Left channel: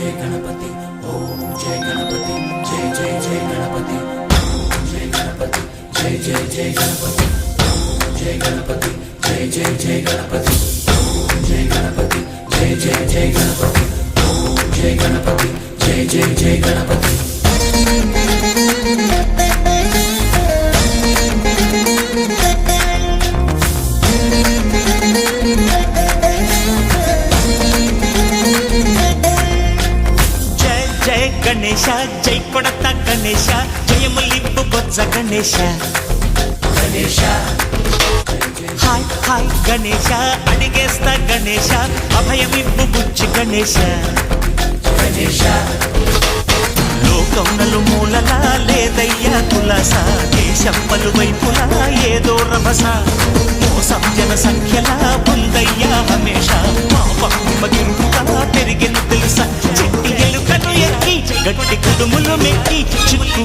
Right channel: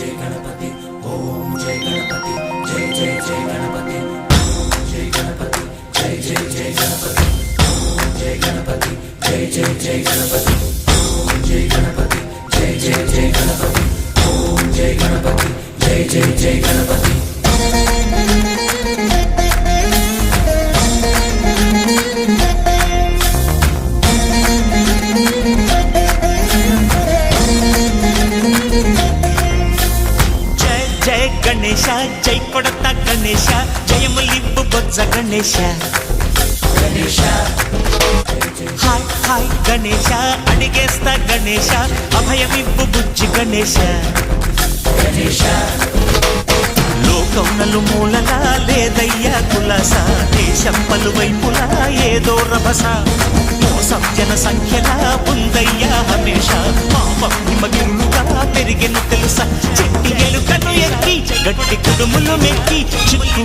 जय गणपति ओम जय गणपति जय जय जय गणपति ओम जय गणपति जय जय जय गणपति ओम जय गणपति जय जय जय गणपति ओम जय गणपति जय जय जय गणपति ओम जय गणपति जय जय जय गणपति जय गणेश जय कोडता गणेश जयमुलिब्बु बोज्ज गणेश हाय हाय गणेश अडिगेस्ता गणेश अभयमिब्बु बुज्जि गणेश లోకం నలుమూలలా లేదయ్యా కులాస దేశం పలువైపులా ఏదో రభస మోసం జన సంఖ్యలా ఉందయ్యా హమేష పాపం హిమగిరులుగా పెరిగెను తెలుసా చెట్టి ఎలుకను ఎక్కి గట్టి కుడుములు మెక్కి చిక్కు